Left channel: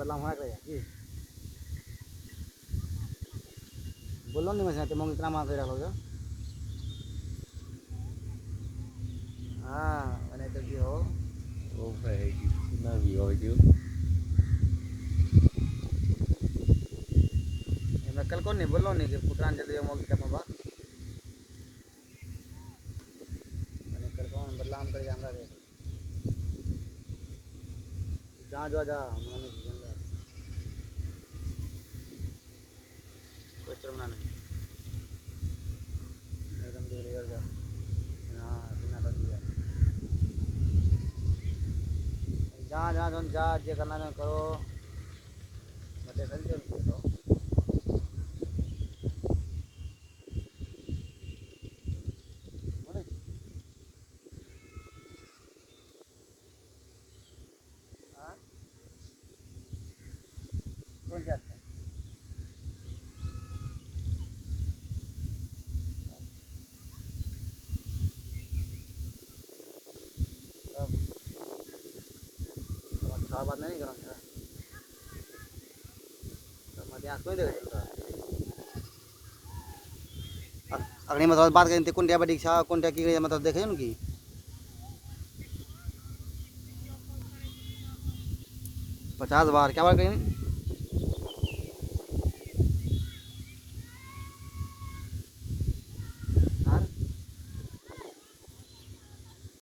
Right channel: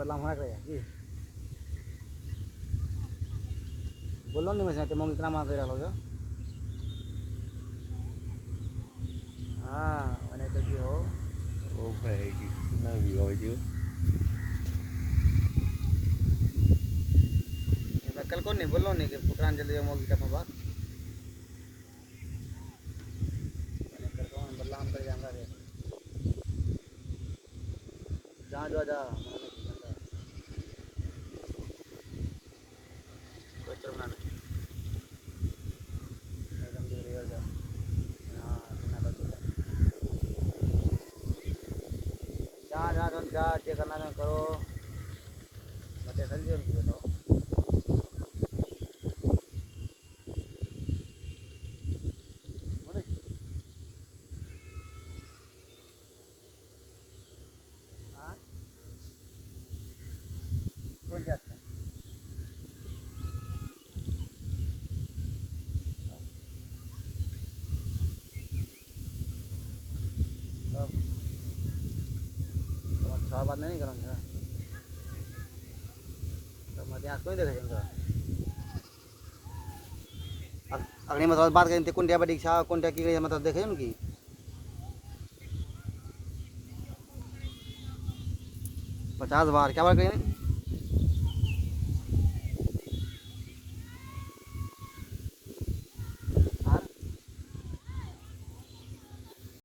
बदलाव होना चाहिए कि बोलो नहीं वैसे तुम इतना मांग कर लोगे हाँ मैंने तो की हो ओ भाई ना भी हो जो मैं कल को नहीं बोलो नहीं कि पुत्रांजलि मोगी का बाबा मैंने कल को बदलाव कर जाऊंगा जहाँ जो जा कोई चलना नहीं एकदम दूर ही जाओ हाँ बिना डर के जहाँ जहाँ तुम जा जे करना है करो बच्चे खरीद जो तो हाँ कौन जाता है तब अच्छा बात नहीं करूँगा तो मैं यहाँ कोई देखा अगले मतलब बात करें कुंडिया बड़ी इच्छा कुंडिया की मतलब देखे उनकी 50 बार क्या बात करें